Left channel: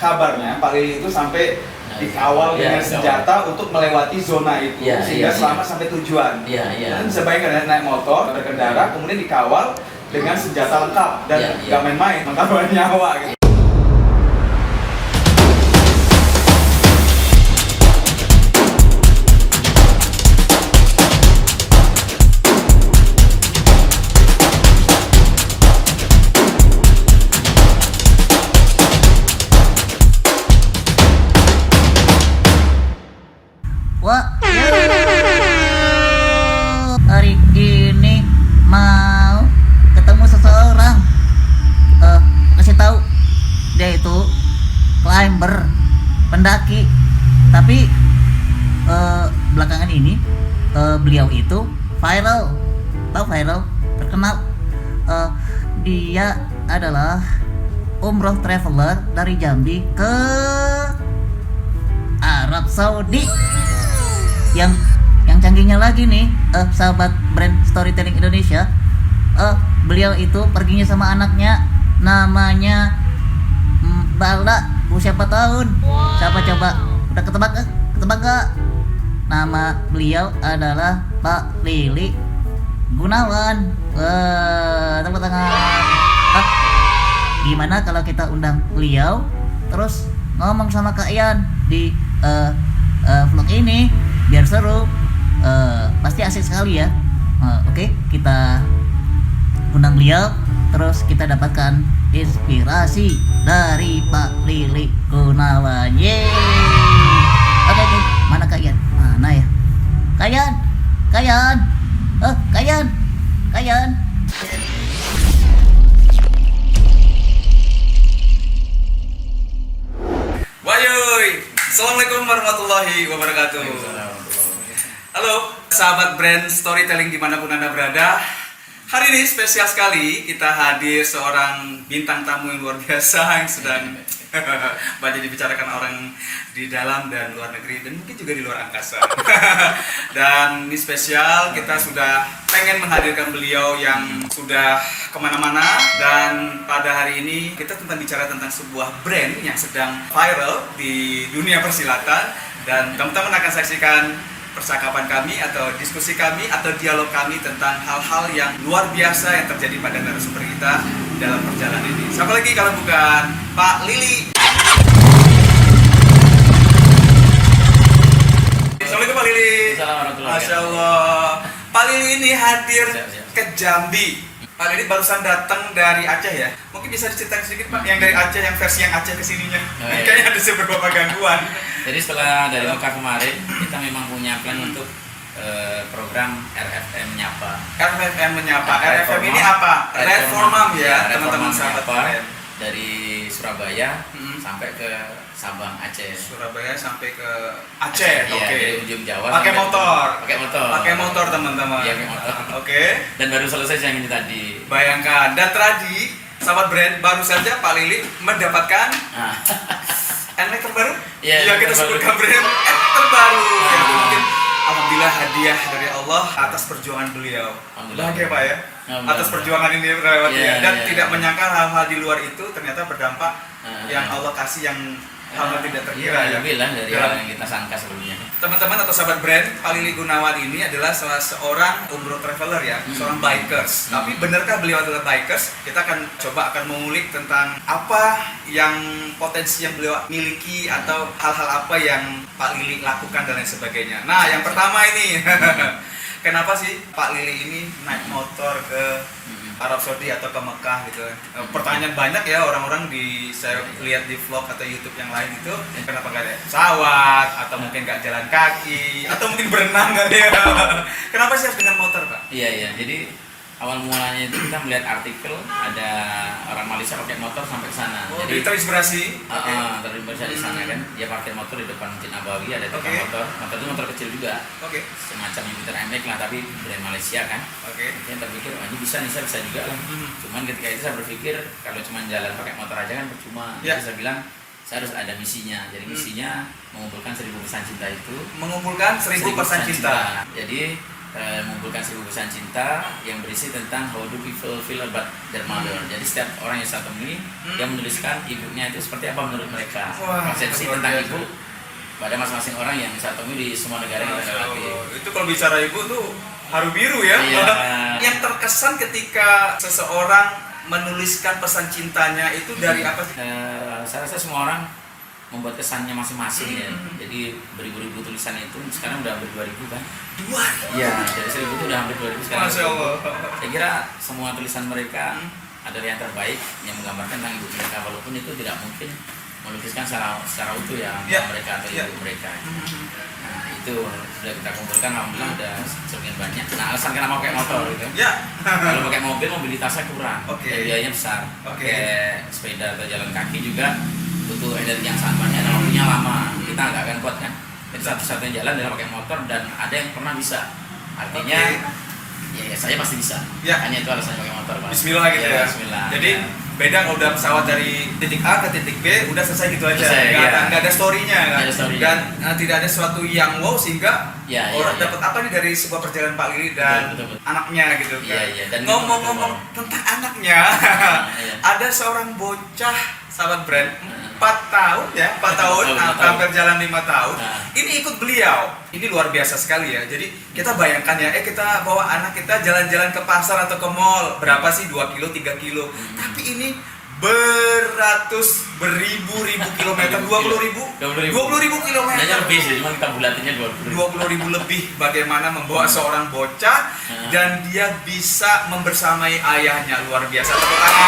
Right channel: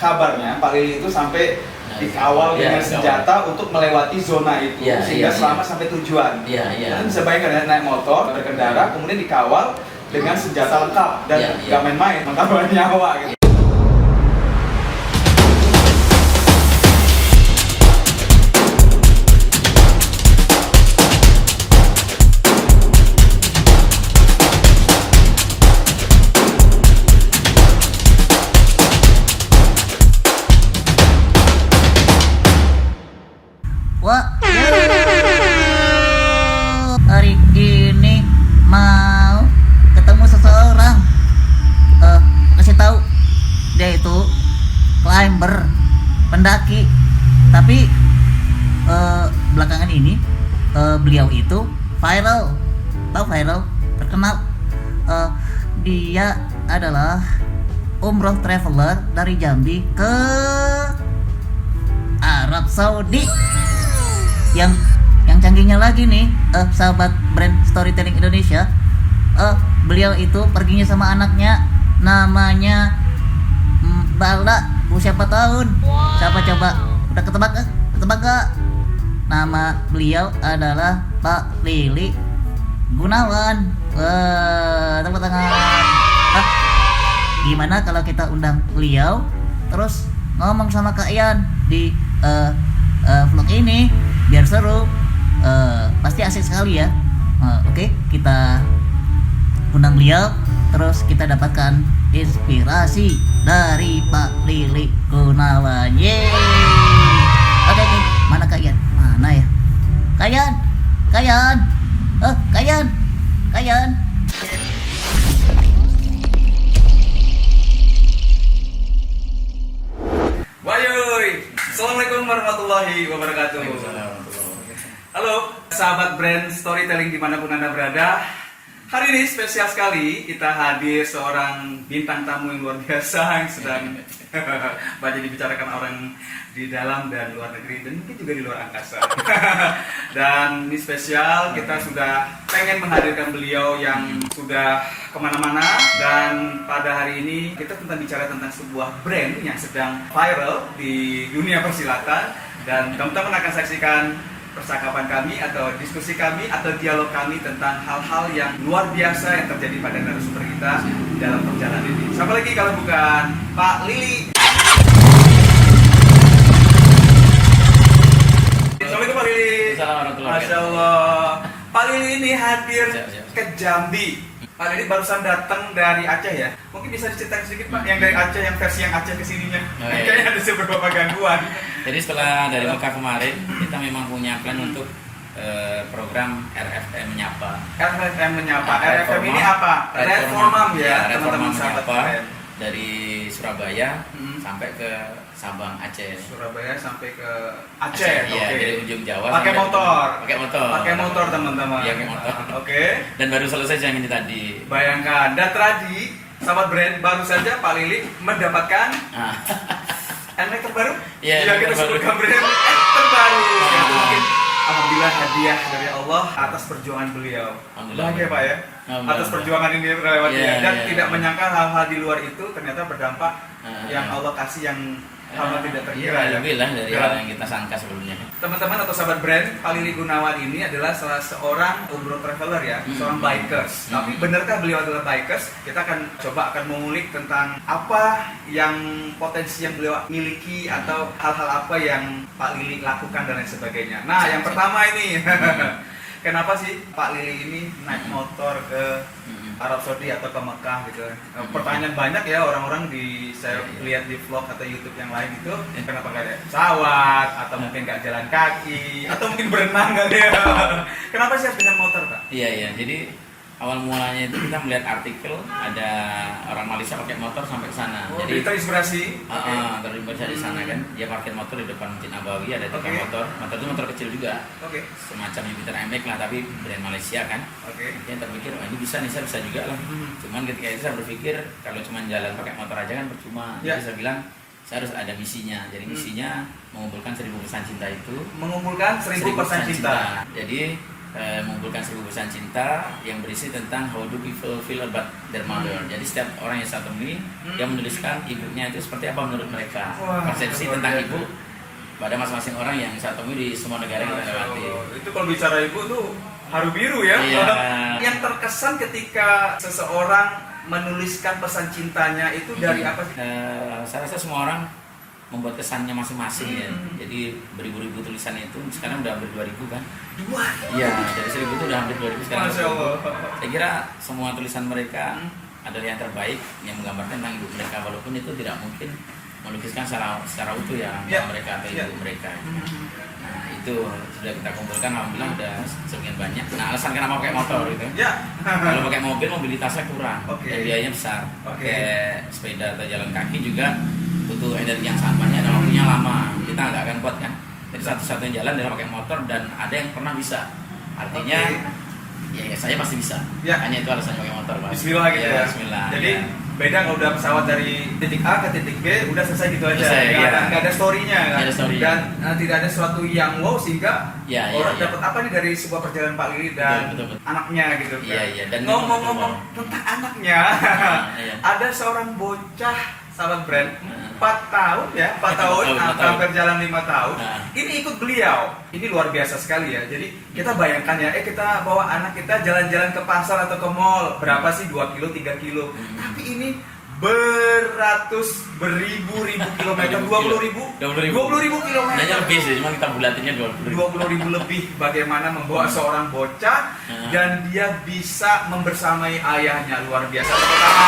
kabarnya Pak Lili itu sampai dikawal dengan senjata untuk melewati zona itu sehingga selamat sampai tujuan. Kalian bisa bayangkan ya, naik motor berkendara kemudian dikawal dengan senjata lengkap dan nggak main-main, mengawal nyawa gitu. Hari ini mau ketemu seseorang. Kasih tahu dia itu climber, pendaki. Tapi belakangan ini beliau itu viral. Tahu viral? Terkenal. Dia adalah umroh traveler dari Jambi ke Arab Saudi. Yang canggihnya lagi nih, sahabat brand Storytelling Indonesia, beliau itu perginya sama anaknya, namanya Bala, usia 4 tahun. Siapa coba? Udah ketebak gak? Nama beliau adalah Pak Lili Gunawan. Tepuk tangan. Gimana kalau kita undang beliau terus ngomong sama Kak Ian di vlog ini biar seru. Pasti asik sekali ya. Oke, kita undang beliau terus kita dapatkan inspirasi dari Pak Lili Gunawan. Yeay. Oke. Mana Kak Ian? Mana ya? Kak Ian. Wayuy, assalamualaikum warahmatullahi wabarakatuh. Halo, sahabat brand Storytelling dimanapun Anda berada. Hari ini spesial sekali kita hadir seorang bintang tamu yang luar biasa yang sedang banyak dibicarakan orang di dalam dan luar negeri dan mungkin juga di luar angkasa. Dan ini spesial, kita sudah pengen menghadirkan beliau yang sudah kemana-mana. Dan pada hari ini kita bicara tentang sebuah brand yang sedang viral di dunia persilatan. Dan teman-teman akan saksikan percakapan kami atau diskusi kami atau dialog kami tentang hal-hal yang luar biasa yang terjadi pada narasumber kita dalam perjalanan ini. Siapa lagi kalau bukan Pak Lili. Assalamualaikum Pak Lili. Assalamualaikum. Masya Allah. Pak Lili ini hadir ke Jambi. Pak Lili barusan datang dari Aceh ya. Mungkin bisa diceritain sedikit Pak, yang dari Aceh, yang versi yang Aceh kesininya. Kayaknya ada beberapa gangguan. Jadi setelah dari Mekah kemarin, kita memang punya plan untuk program RFM Menyapa. RFM Menyapa. RFM ini apa? Reformam ya, teman-teman sahabat brand. Dari Surabaya sampai ke Sabang, Aceh. Surabaya sampai ke Aceh. Iya, dari ujung Jawa. Pakai motor. Pakai motor, teman-teman. Iya, pakai motor. Oke. Dan baru selesai yang ini tadi. Bayangkan, dan tadi sahabat brand baru saja Pak Lili mendapatkan NMAX terbaru. Iya, kita sebutkan brand terbaru. Yang mungkin alhamdulillah hadiah dari Allah atas perjuangan beliau. Bahagia Pak ya. Atas perjuangan ini lewatnya dan tidak menyangka hal-hal di luar itu ternyata berdampak yang Allah kasih yang hal-hal tidak terkira ya. Lebih lah dari hal yang kita sangka sebelumnya. Teman-teman atau sahabat brand, Pak Lili Gunawan ini adalah salah seorang umroh traveler ya, seorang bikers. Tapi benarkah beliau adalah bikers? Kita akan mengulik tentang apa yang potensi yang beliau miliki atau hal-hal apa yang Pak Lili lakukan dan lain sebagainya. Nah, yang pertama ini kenapa sih Pak Lili ini naik motor ke Arab Saudi atau ke Mekah gitu? Pertanyaan banyak ya orang-orang saya lihat di vlog atau YouTube yang lain itu, kenapa nggak ada pesawat atau mungkin nggak jalan kaki atau mungkin berenang kali ya? Kenapa sih harus dengan motor Pak? Iya, jadi awal mulanya itu kita melihat artikel ada orang Malaysia pakai motor sampai ke sana. Jadi terinspirasi. Terinspirasi di sana kan. Dia parkir motor di depan Masjid Nabawi, ada tiga motor. Motor itu motor kecil juga. Semacam Jupiter MX lah, tapi brand Malaysia kan. Dia terpikir, ini bisa nih, saya bisa juga lah. Cuman ketika itu saya berpikir kalau cuma jalan pakai motor aja kan percuma. Jadi saya bilang saya harus ada misinya. Jadi misinya mengumpulkan 1000 pesan cinta itu. Mengumpulkan 1000 pesan cinta. Jadi mengumpulkan 1000 pesan cinta yang berisi tentang how do people feel about their mother. Jadi setiap orang yang saya temui dia menuliskan ibunya itu seperti apa menurut mereka. Persepsi tentang ibu pada masing-masing orang yang saya temui di semua negara yang kita lewati. Itu kalau bicara ibu tuh haru biru ya. Iya. Yang terkesan ketika seseorang menuliskan pesan cintanya itu dari apa sih? Saya rasa semua orang membuat kesannya masing-masing ya. Jadi beribu-ribu tulisan itu sekarang udah hampir 2000 kan? 2000. Iya, dari 1000 itu udah hampir 2000 sekarang. Masya Allah. Saya kira semua tulisan mereka adalah yang terbaik yang menggambarkan tentang ibu mereka, walaupun itu tidak mungkin melukiskan secara utuh ya mereka atau ibu mereka. Nah, itu sudah kita kumpulkan, alhamdulillah udah sebagian banyak. Nah, alasan kenapa pakai motor gitu Ya. kalau pakai mobil mobilitasnya kurang, dan biayanya besar. Oke. Pakai sepeda atau jalan kaki juga butuh energi yang sangat banyak dan waktunya lama, kita nggak akan kuat kan. Jadi satu-satunya jalan adalah pakai motor, dan ada yang pernah bisa, artinya ya saya pasti bisa. Hanya itu alasannya pakai motor, Pak. Bismillah gitu ya. Bismillah. Jadi beda kalau udah pesawat dari titik A ke titik B udah selesai gitu aja. Selesai, Nggak ada story-nya kan. Nggak ada story-nya. Dan tidak ada sesuatu yang wow sehingga orang iya. dapat apa nih dari sebuah perjalanan Pak Lili dan Betul. anaknya gitu kan. Iya. Dan ngomong-ngomong tentang anaknya, ada seorang bocah sahabat brand 4 tahun ya, 4 tahun, hampir jalan 5 tahun. Ini ikut beliau. Ini luar biasa sekali ya. Jadi kita bayangkan ya, kita bawa anak kita jalan-jalan ke pasar atau ke mall. Berapa sih 2 kilo, 3 kilo. Tapi ini beribu-ribu kilometer, 20.000 kilometer. Hanya lebih sih, cuma kita bulatinnya 20.000 lebih. Bagaimana membawa seorang bocah dan dia bisa membersamai ayahnya, luar biasa. Tepuk tangan.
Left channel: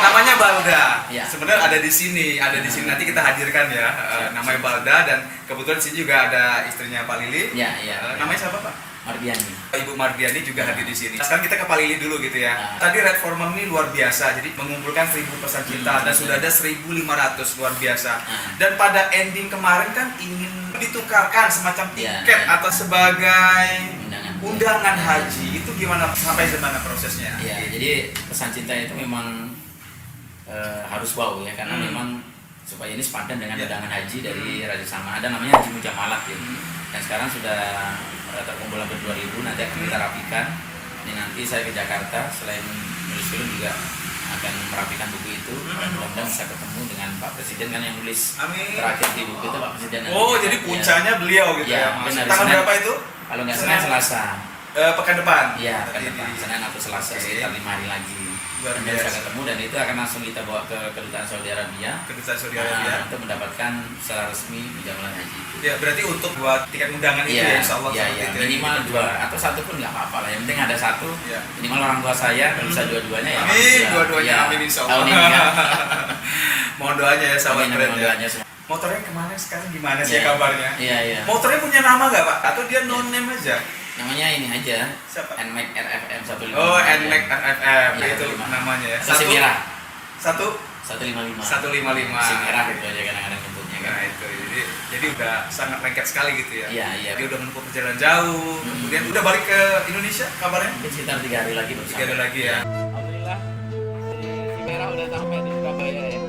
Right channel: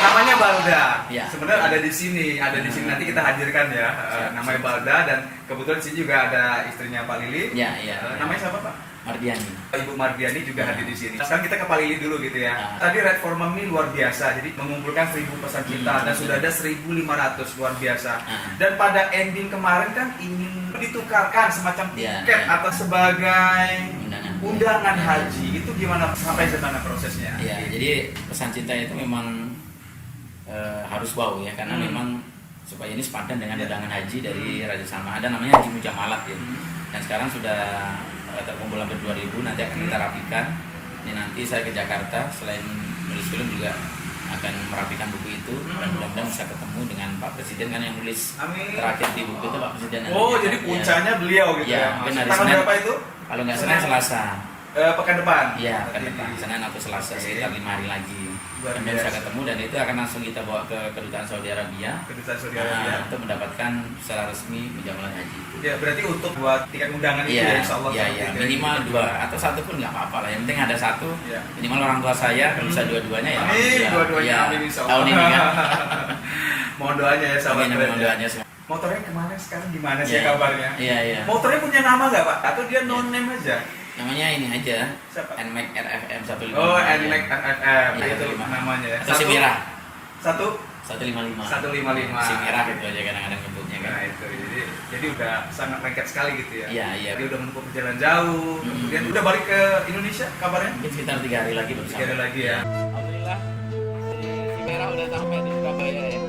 Namanya Balda. Sebenarnya ada di sini, nanti kita hadirkan ya. Namanya Balda, dan kebetulan di sini juga ada istrinya Pak Lili. Namanya siapa, Pak? Mardiani. Ibu Mardiani juga hadir di sini. Sekarang kita ke Pak Lili dulu gitu ya. Tadi Red Foreman ini luar biasa. Jadi mengumpulkan 1000 pesan cinta dan sudah ada 1.500, luar biasa. Dan pada ending kemarin kan ingin ditukarkan semacam tiket atau sebagai undangan haji. Itu gimana, sampai mana prosesnya? Iya, jadi pesan cinta itu memang harus wow ya, karena memang supaya ini sepadan dengan undangan haji dari Raja Salman. Ada namanya Haji Mujamalat ya. Dan sekarang sudah terkumpul hampir 2000, nanti akan kita rapikan. Ini nanti saya ke Jakarta, selain nulis film juga akan merapikan buku itu, dan mudah-mudahan bisa ketemu dengan Pak Presiden kan yang nulis. Amin. Terakhir di buku itu Pak Presiden. Jadi puncanya beliau gitu ya. Tanggal berapa itu? Kalau nggak Senin, Selasa. Pekan depan. Iya, pekan depan. Senin atau Selasa, sekitar 5 hari lagi. Dan bisa ketemu, dan itu akan langsung kita bawa ke kedutaan Saudi Arabia. Untuk mendapatkan secara resmi Mujamalat Haji. Ya, berarti untuk buat tiket undangan itu ya, insya Allah. Iya. Minimal 2 atau 1 pun nggak apa-apa lah. Yang penting ada 1. Minimal orang tua saya, kalau bisa dua-duanya ya. Amin, dua-duanya. Amin, insya Allah. Tahun ini kan. Mohon doanya ya, sahabat brand. Doanya semua. Motornya kemana sekarang, gimana sih kabarnya? Iya. Motornya punya nama nggak, Pak? Atau dia no name aja? Namanya ini aja. Siapa? NMAX RFM 155. NMAX RFM. Itu namanya ya. Atau si merah. 155. 155. Si merah itu aja kadang-kadang nyebutnya kan. Nah, itu. Jadi udah sangat lengket sekali gitu ya. Iya. Dia udah menempuh perjalanan jauh. Kemudian udah balik ke Indonesia kabarnya? Mungkin sekitar 3 hari lagi baru 3 hari lagi ya. Alhamdulillah. Si merah udah sampai di Surabaya ya.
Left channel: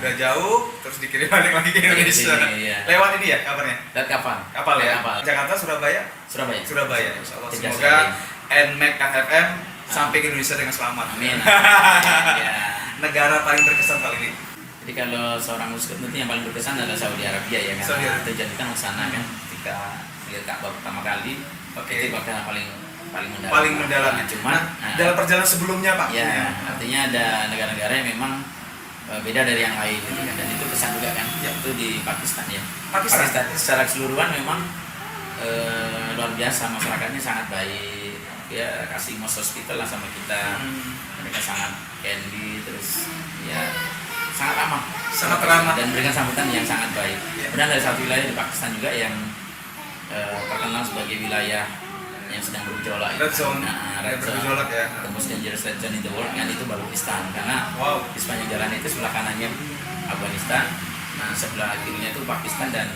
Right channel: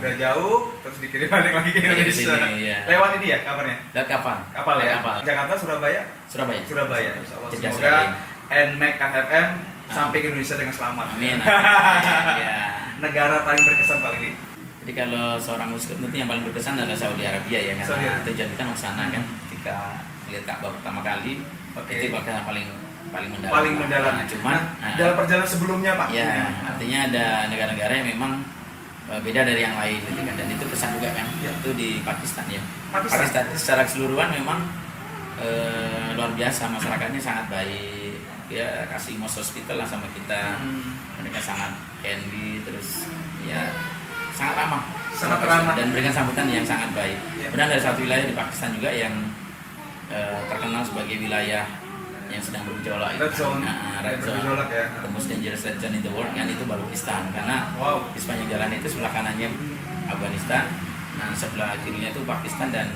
Udah jauh, terus dikirim balik lagi ke Indonesia. Lewat ini ya kabarnya? Lewat kapal ya? Jakarta, Surabaya? Surabaya. Insya Allah. Semoga NMAX RFM sampai ke Indonesia dengan selamat. Amin. Negara paling berkesan paling ini? Jadi kalau seorang muslim tentu yang paling berkesan adalah Saudi Arabia ya, karena tujuan kita ke sana kan. Ketika lihat Ka'bah pertama kali, itu bakal paling mendalam. Cuman dalam perjalanan sebelumnya, Pak? Ya, artinya ada negara-negara yang memang beda dari yang lain gitu kan, dan itu pesan juga kan. Itu di Pakistan ya. Pakistan secara keseluruhan memang luar biasa, masyarakatnya sangat baik ya, kasih most hospital lah sama kita. Mereka sangat handy, terus ya sangat ramah dan memberikan sambutan yang sangat baik. Kemudian dari satu wilayah di Pakistan juga yang terkenal sebagai wilayah yang sedang bergejolak, Red Zone bergejolak ya. The most dangerous red zone in the world kan, itu Balochistan, karena di sepanjang jalan itu sebelah kanannya Afghanistan, nah sebelah kirinya itu Pakistan dan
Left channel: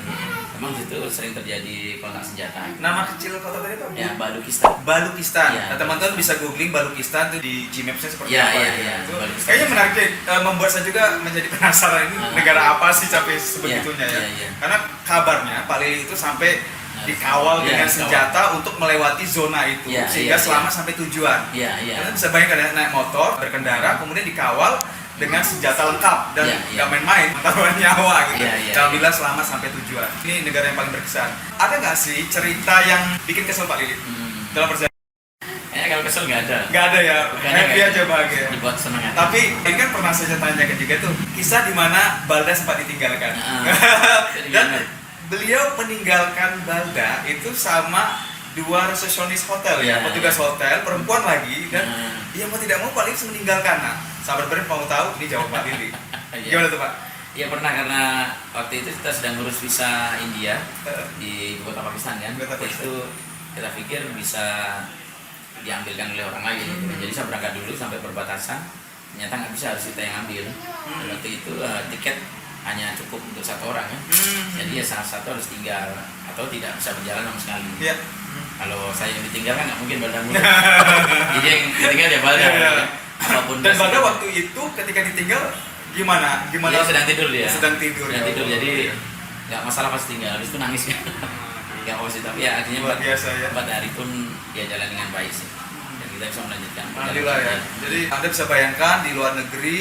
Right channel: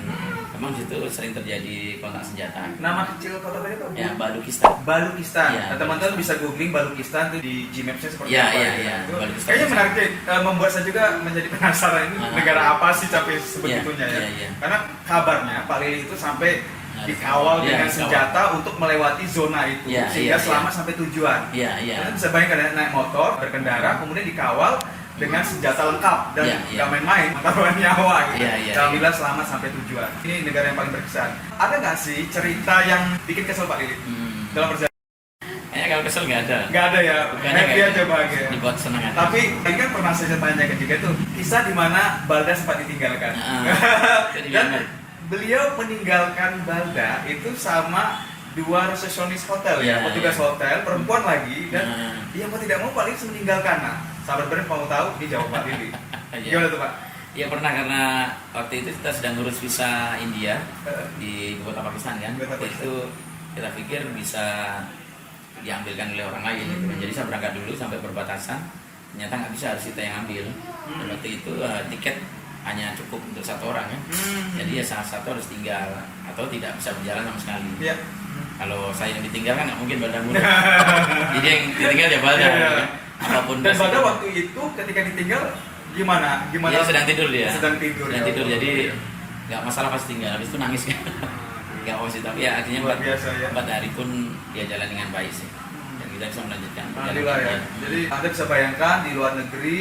memang di situ sering terjadi kontak senjata. Nama kecil kota tadi apa? Ya, Balukistan. Balukistan. Ya, Nah, teman-teman bisa googling Balukistan tuh di Gmaps-nya seperti Ya, apa ya, gitu. ya, Itu Balukistan. kayaknya menarik deh, membuat saya juga menjadi penasaran ini negara apa sih sampai sebegitunya ya. Ya. Karena kabarnya Pak Lili itu sampai dikawal Ya, dengan dikawal. senjata untuk melewati zona itu Ya, sehingga ya, selama sampai tujuan. Iya, iya. Kalian bisa bayangkan ya, naik motor, berkendara, kemudian dikawal dengan senjata lengkap dan Iya, nggak iya. main-main, taruhan nyawa gitu. Iya, iya, Alhamdulillah selama sampai tujuan. Ini negara yang paling berkesan. Ada nggak sih cerita yang bikin kesel Pak Lili dalam perjalanan? Kayaknya kalau kesel nggak ada. Nggak ada ya, Bukannya happy kayak aja bahagia. Dibuat senang aja. Tapi ini kan pernah saya tanyakan juga tuh kisah di mana Balda sempat ditinggalkan. Jadi Dan gimana? beliau meninggalkan Balda itu sama dua resepsionis hotel ya, Ya, petugas ya. hotel perempuan lagi dan Nah. dia mau tidak mau Pak Lili meninggalkan. Nah, sahabat brand mau tahu ini jawab Pak Lili. Iya. Gimana tuh Pak? Ya pernah, karena waktu itu kita sedang ngurus visa India di ibu kota Pakistan kan. Ibu kota Waktu Pakistan. itu kita pikir bisa diambilkan oleh orang lain gitu. Jadi saya berangkat dulu sampai perbatasan, ternyata nggak bisa, harus kita yang ambil. Dan waktu itu tiket hanya cukup untuk satu orang kan. Jadi ya salah satu harus tinggal atau tidak bisa berjalan sama sekali. Iya. Kalau saya yang ditinggal kan nggak mungkin Balda mulu. Jadi yang ditinggal ya Balda. Iya, iya. Apapun Dan Balda resikonya. waktu itu ketika ditinggal gimana? Gimana? Dia sedang tidur dia. Sedang tidur. Sedang ya. tidur, jadi nggak masalah pas tinggal. Habis itu nangis kan. Nggak apa sih, tapi ya artinya Luar biasa ya. 4 hari pun dia jalan dengan baik sih. Dan kita bisa melanjutkan Alhamdulillah ya. Jadi Anda bisa bayangkan di luar negeri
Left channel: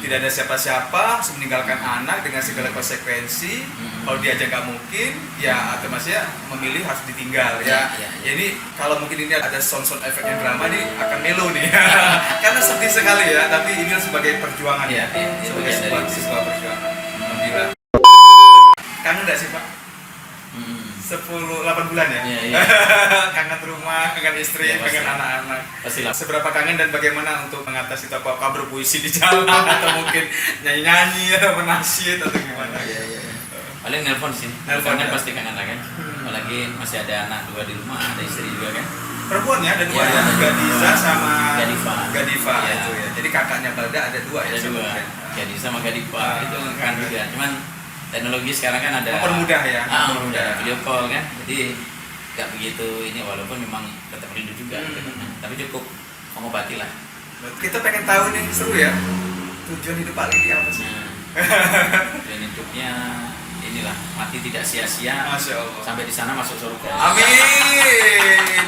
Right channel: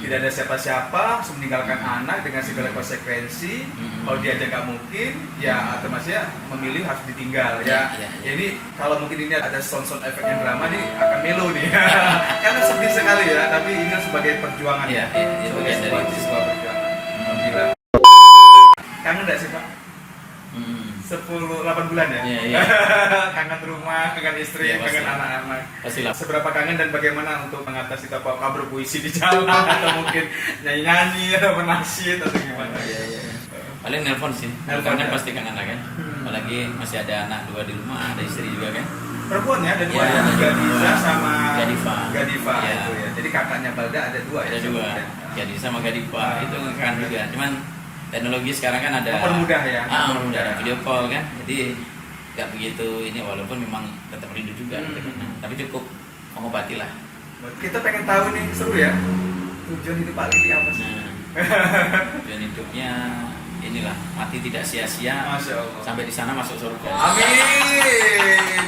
tidak ada siapa-siapa, harus meninggalkan anak dengan segala konsekuensi. Kalau diajak nggak mungkin, ya otomatisnya memilih harus ditinggal ya. Ya. Jadi kalau mungkin ini ada sound efek yang drama nih akan melo nih. Karena sedih sekali ya, tapi ini sebagai perjuangan Iya, ya. iya, Sebagai bagian sebuah dari itu. sebuah perjuangan. Alhamdulillah. Kangen nggak sih Pak? 8 bulan ya? Iya, iya. Kangen rumah, kangen istri, Iya, pasti. kangen anak-anak. Pastilah. Seberapa kangen dan bagaimana untuk mengatasi itu, apa berpuisi di jalan atau mungkin nyanyi-nyanyi atau menasyid atau gimana? Iya, iya. Paling nelpon sih. Nelpon Nelpon kan ya? pasti kangen lah kan. Apalagi masih ada anak 2 di rumah, ada istri juga kan. Perempuan ya, ada dua Iya, ya, ada Gadiza dua. sama Gadiva. Iya. itu ya. Jadi kakaknya Balda ada dua ya. Ada 2. sebenarnya. Jadi sama Gadiva itu kangen juga. Cuman teknologi sekarang kan ada Mempermudah ya. mempermudah, ada video call kan. Jadi nggak begitu ini, walaupun memang tetap rindu juga gitu kan. Tapi cukup mengobati lah. Kita pengen tahu nih, seru ya. Tujuan hidup Pak Lili apa sih? Nah, tujuan hidupnya inilah, mati tidak sia-sia, Masya Allah. sampai di sana masuk surga. Amin.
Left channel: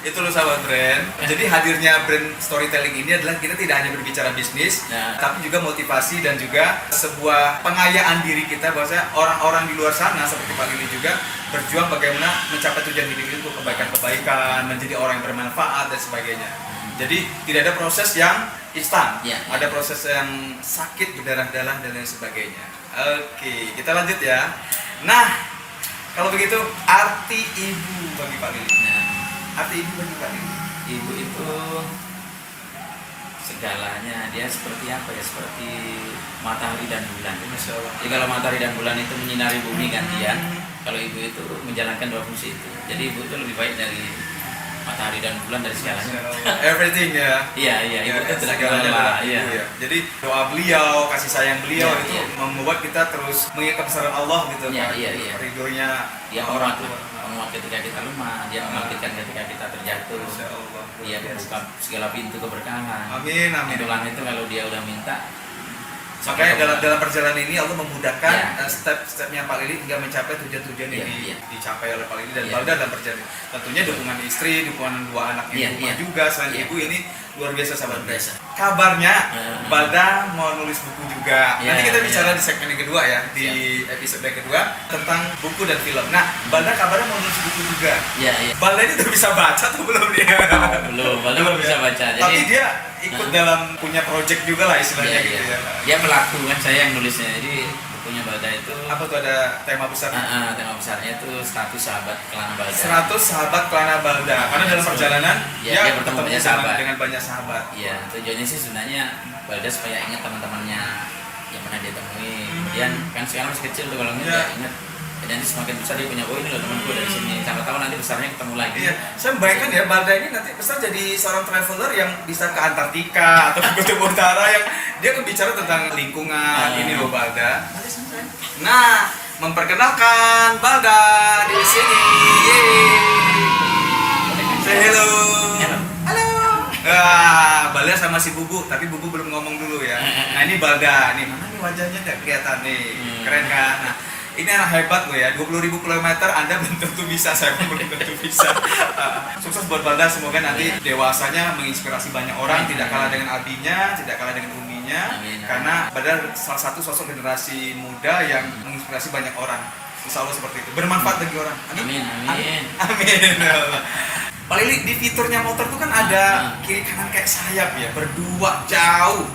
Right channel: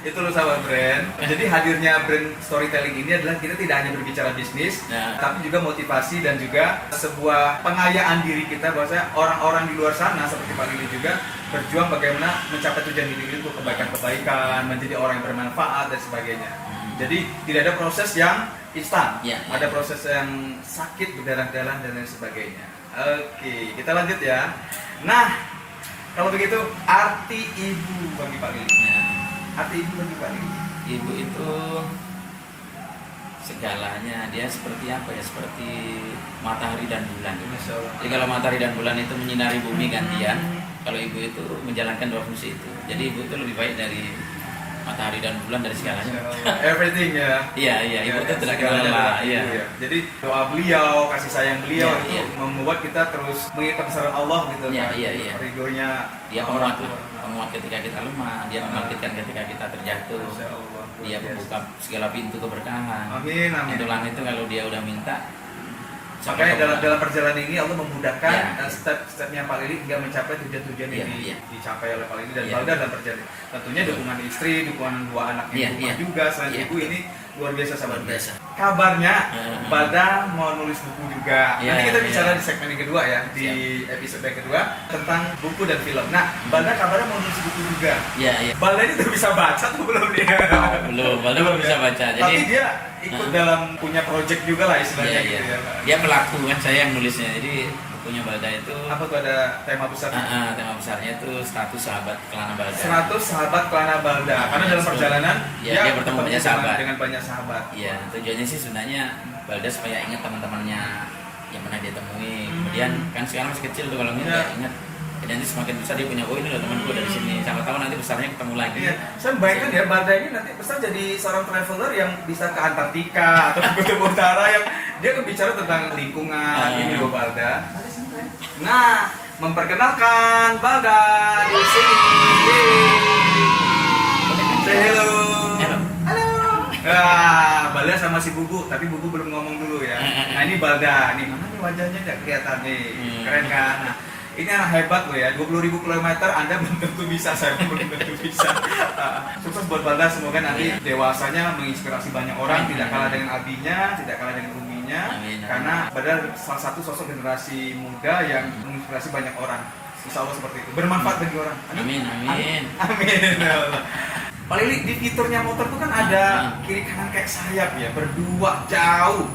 Itu loh sahabat brand. Jadi hadirnya brand storytelling ini adalah kita tidak hanya berbicara bisnis, Nah. tapi juga motivasi dan juga sebuah pengayaan diri kita bahwa orang-orang di luar sana seperti Pak Lili juga berjuang bagaimana mencapai tujuan hidup itu untuk kebaikan-kebaikan, menjadi orang yang bermanfaat dan sebagainya. Jadi tidak ada proses yang instan, Ya, ya. ada proses yang sakit, berdarah-darah dan lain sebagainya. Oke, kita lanjut ya. Nah, kalau begitu arti ibu bagi Pak Lili. Nah, Arti ibu bagi Pak Lili. ibu itu segalanya, dia seperti apa ya, seperti matahari dan bulan. Masya Allah. Jadi kalau matahari dan bulan itu menyinari bumi gantian, kalau ibu itu menjalankan 2 fungsi itu. Jadi ibu itu lebih baik dari matahari dan bulan, dari Masya segalanya. Allah. Everything ya. Iya, iya, ibu itu tidak segalanya kenal adalah lah. ibu Iya. ya. Jadi doa beliau, kasih sayang beliau Iya, itu iya. membuat kita terus mengingat kebesaran Allah gitu. Iya, Pak. iya, iya. Ridhonya Dia orang penguat, tua. penguat ketika kita lemah, dia membangkitkan ketika kita terjatuh. Masya Allah. Dia membuka segala pintu keberkahan. Amin, amin. Itulah itu kalau dia udah minta. Makanya dalam perjalanan ini Allah memudahkan Ya. step-stepnya Pak Lili hingga mencapai tujuan-tujuan Ya, yang ya. dicapai oleh Pak Lili dan Ya. Balda dalam perjalanan. Tentunya dukungan istri, dukungan 2 anaknya Ya, di rumah ya. juga. Selain Ya. ibu ini luar biasa sahabat Luar biasa. Kabarnya Hmm. Balda mau nulis buku juga. Ya, Nanti kita ya. bicara di segmen yang kedua ya, di episode yang kedua tentang buku dan film. Nah, Balda kabarnya mau nulis buku juga. Iya, iya. Balda ini udah bisa baca atau belum nih? Belum bisa baca. Jadi Tapi dia ikut dalam punya project juga lah istilahnya iya, gitu iya. ya. Dia pelaku kan, saya yang nulisnya. Jadi bukunya Balda itu Apa tuh ada tema besar? tema besarnya itu 100 sahabat Kelana Balda. 100 sahabat Kelana Balda. Karena dalam perjalanan Ya, dia bertemu banyak sahabat. dengan banyak sahabat. Iya, tujuannya sih sebenarnya Balda supaya ingat teman-temannya yang pernah dia temui. Kemudian kan sekarang masih kecil tuh, kalau Iya. nggak ingat. Dan nanti semakin besar dia punya, oh ini loh temanku dari sini. Siapa tahu nanti besarnya ketemu lagi. Iya, saya membayangkan ya Balda ini nanti besar jadi seorang traveler yang bisa ke Antartika atau ke Kutub Utara yang dia kan bicara tentang lingkungan. Ini loh Balda. Nanti Nah, memperkenalkan Balda di sini. Yeay. Say hello. Halo. Balda sama si Bubu, tapi Bubu belum ngomong dulu ya. Nah, ini Balda nih. Mana nih wajahnya nggak kelihatan nih. Keren kan? Nah, ini anak hebat loh ya, 20.000 kilometer Anda belum tentu bisa, saya pun belum tentu bisa. Sukses buat Balda, semoga nanti dewasanya menginspirasi banyak orang, tidak kalah dengan abinya, tidak kalah dengan uminya. Karena Balda salah satu sosok generasi muda yang menginspirasi banyak orang. Insya Allah seperti itu, bermanfaat bagi orang. Amin. Amin. Pak Lili, di fiturnya motor tuh kan ada kiri kanan kayak sayap ya, berdua jauh.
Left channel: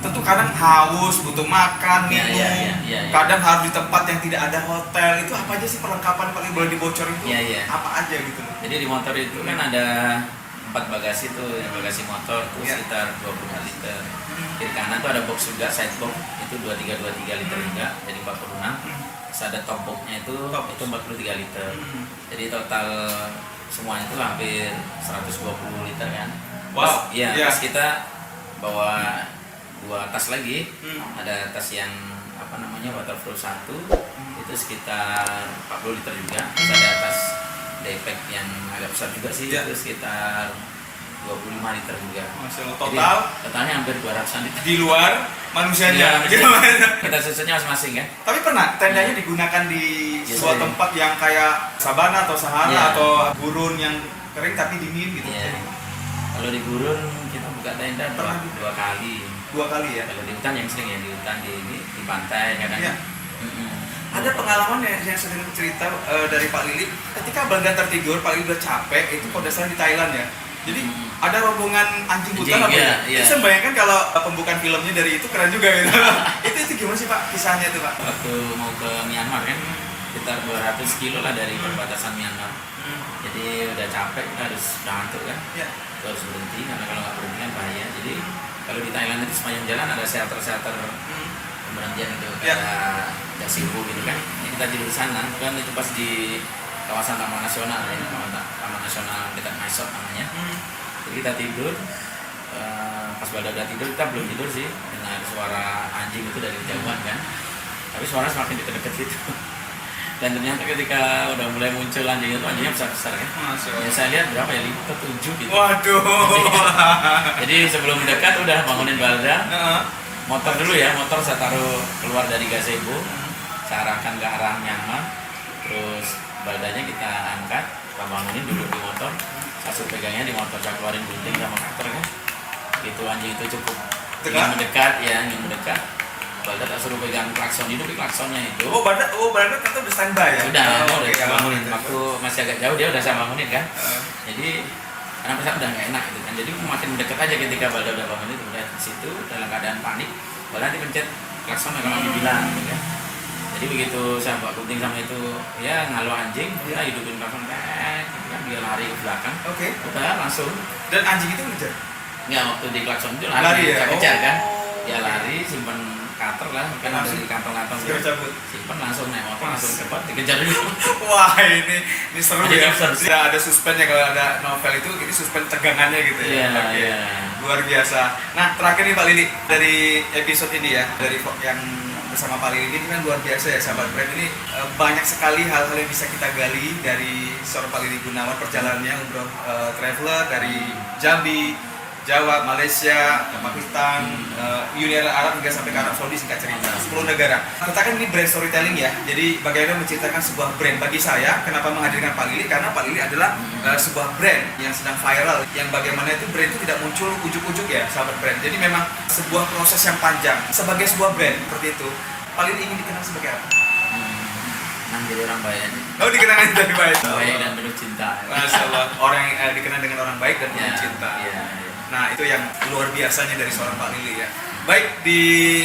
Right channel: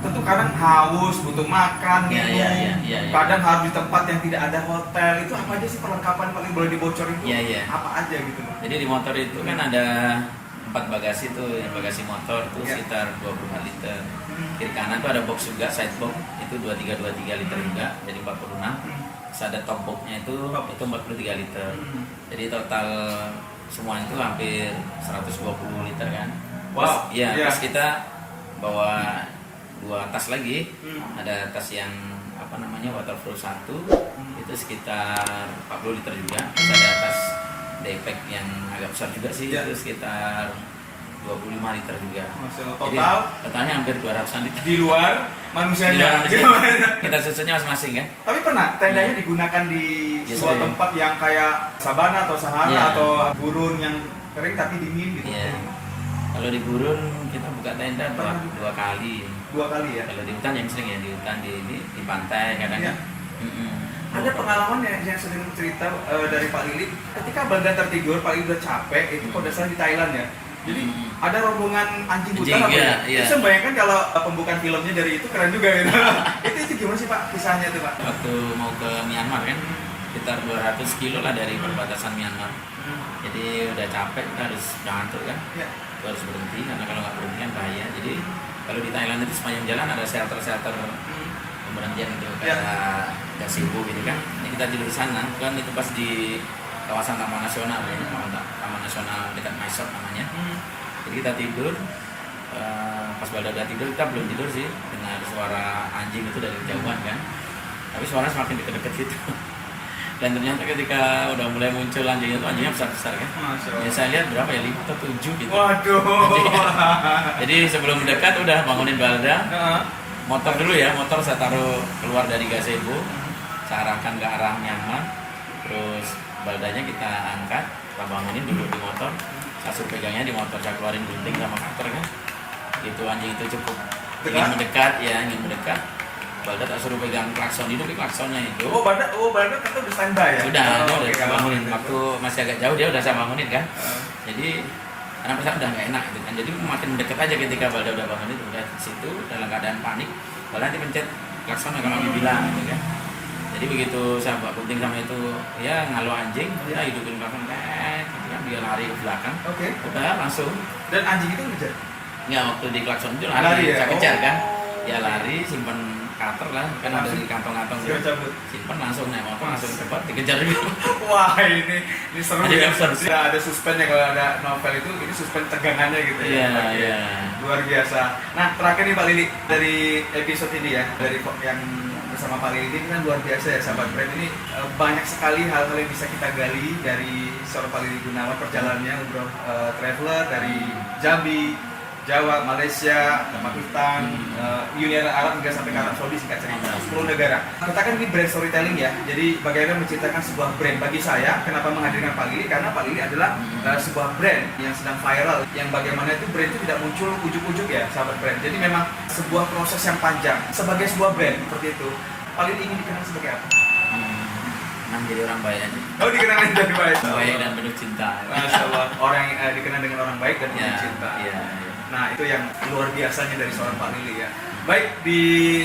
Tentu kadang haus, butuh makan, minum, kadang harus di tempat yang tidak ada hotel. Itu apa aja sih perlengkapan paling boleh dibocorin itu? Apa aja gitu loh? Jadi di motor itu kan ada 4 bagasi tuh, yang bagasi motor tuh sekitar 25 liter. Kiri kanan tuh ada box juga, side box itu 23 liter juga, jadi 46. Terus ada top boxnya itu 43 liter. Jadi total semuanya itu hampir 120 liter kan. Wow. Terus kita bawa 2 tas lagi, ada tas yang waterproof 1 itu sekitar 40 liter juga, terus ada tas daypack yang agak besar juga sih, itu sekitar 25 liter juga. Masya Allah. Jadi, totalnya hampir 200-an liter. Di luar manusianya. Kita susunnya masing-masing kan. Tapi pernah tendanya digunakan di sebuah tempat yang kayak sabana atau sahara atau gurun yang kering tapi dingin gitu. Kalau di gurun kita buka tenda 2 kali. 2 kali ya? Kalau di hutan yang sering ya, di hutan di pantai kadang. Ada pengalaman yang sering cerita dari Pak Lili, ketika Balda tertidur, Pak Lili udah capek, itu kalau dasarnya di Thailand ya. Jadi ada rombongan anjing hutan apa ya? Saya bayangkan kalau pembukaan filmnya dari itu keren juga gitu. itu gimana sih Pak kisahnya itu Pak? Waktu mau ke Myanmar kan, sekitar 200 kilo lah dari perbatasan Myanmar. Jadi udah capek, kita harus ngantuk kan. Kita harus berhenti, karena kalau nggak berhenti kan bahaya. Jadi kalau di Thailand itu sepanjang jalan ada shelter pemberhentian gitu, kayak Jasibu gitu kan. Ini kita tidur di sana, kan itu pas di kawasan Taman Nasional ya, Taman Nasional dekat Mysore namanya. Jadi kita tidur, pas Balda udah tidur, kita belum tidur sih, dengar suara anjing itu dari kejauhan kan. Tapi suara semakin deket-deket gitu. Dan ternyata ketika udah mulai muncul anjing itu, anjingnya besar-besar kan. Ya saya lihat berapa ya, 5 atau 7 gitu. Waduh. Jadi sebelum dekat udah bangunin Balda. Motor dulu ya, motor saya taruh keluar dari gazebo, saya arahkan ke arah Myanmar. Terus Baldanya kita angkat, kita bangunin duduk di motor. Saya suruh pegangnya di motor, saya keluarin gunting sama cutter kan. Gitu anjing itu cukup ingin mendekat. Balda tak suruh pegang klakson, hidup di klaksonnya itu. Balda kata udah standby ya? Udah saya bangunin. Waktu masih agak jauh dia udah saya bangunin kan. Jadi anak pesawat udah nggak enak gitu kan. Jadi makin mendekat aja ketika Balda udah bangun itu. Udah di situ dalam keadaan panik, Balda dipencet klakson kalau dibilang gitu kan. Jadi begitu saya bawa gunting sama itu, ya ngalu anjing, kita hidupin klakson gitu kan, dia lari ke belakang. Udah langsung. Dan anjing itu ngejar? Nggak, waktu di klakson itu lari ya? Kejar kan. Dia lari, simpen cutter lah, kan ada di kantong-kantong simpen langsung naik motor langsung cepat dikejar dulu. Wah ini seru ya. Ada suspennya kalau ada novel itu, ini suspen tegangannya gitu ya. Luar biasa. Nah terakhir nih Pak Lili, dari episode ini ya, dari yang bersama Pak Lili ini kan luar biasa ya sahabat brand ini, banyak sekali hal-hal yang bisa kita gali dari seorang Pak Lili Gunawan, perjalanannya umroh traveler dari Jambi, Jawa, Malaysia, Pakistan, Uni Arab hingga sampai ke Arab Saudi, singkat cerita 10 negara. Kita kan ini brand storytelling ya, jadi bagaimana menceritakan sebuah brand. Bagi saya, kenapa menghadirkan Pak Lili? Karena Pak Lili adalah sebuah brand yang sedang viral, yang bagaimana itu brand itu tidak muncul ujuk-ujuk ya sahabat brand. Jadi memang sebuah proses yang panjang. Sebagai sebuah brand seperti itu, Pak Lili ingin dikenal sebagai apa? Jadi orang baik aja. Dikenal jadi baik. Baik dan penuh cinta. Masya Allah, orang yang dikenal dengan orang baik dan penuh cinta. Nah itu yang luar biasanya dari seorang Pak Lili ya. Baik, di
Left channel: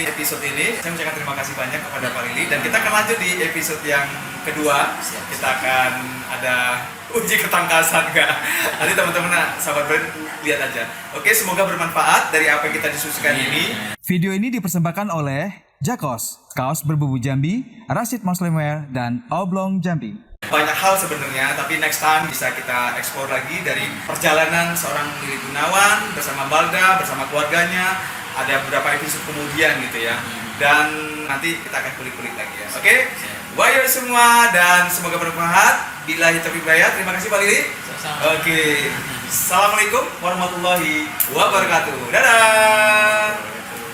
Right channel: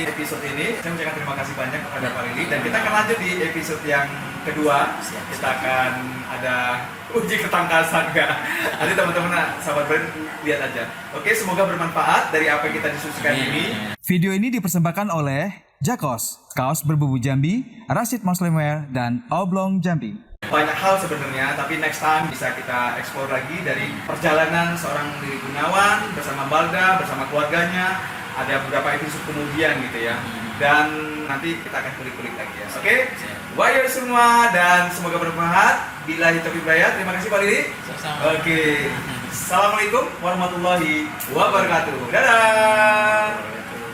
episode ini saya mengucapkan terima kasih banyak kepada Pak Lili, dan kita akan lanjut di episode yang kedua. Kita akan ada uji ketangkasan enggak. Nanti teman-teman sahabat brand lihat aja. Oke, semoga bermanfaat dari apa yang kita diskusikan ini. Video ini dipersembahkan oleh Jakos, kaos berbubu Jambi, Rashid Muslimwear, dan Oblong Jambi. Banyak hal sebenarnya, tapi next time bisa kita explore lagi dari perjalanan seorang Lili Gunawan bersama Balda, bersama keluarganya, ada beberapa episode kemudian gitu ya. Dan nanti kita akan kulik-kulik lagi ya. Oke? Wayo semua dan semoga bermanfaat. Billahi taufiq wal hidayah. Terima kasih Pak Lili. Oke. Assalamualaikum warahmatullahi wabarakatuh. Dadah.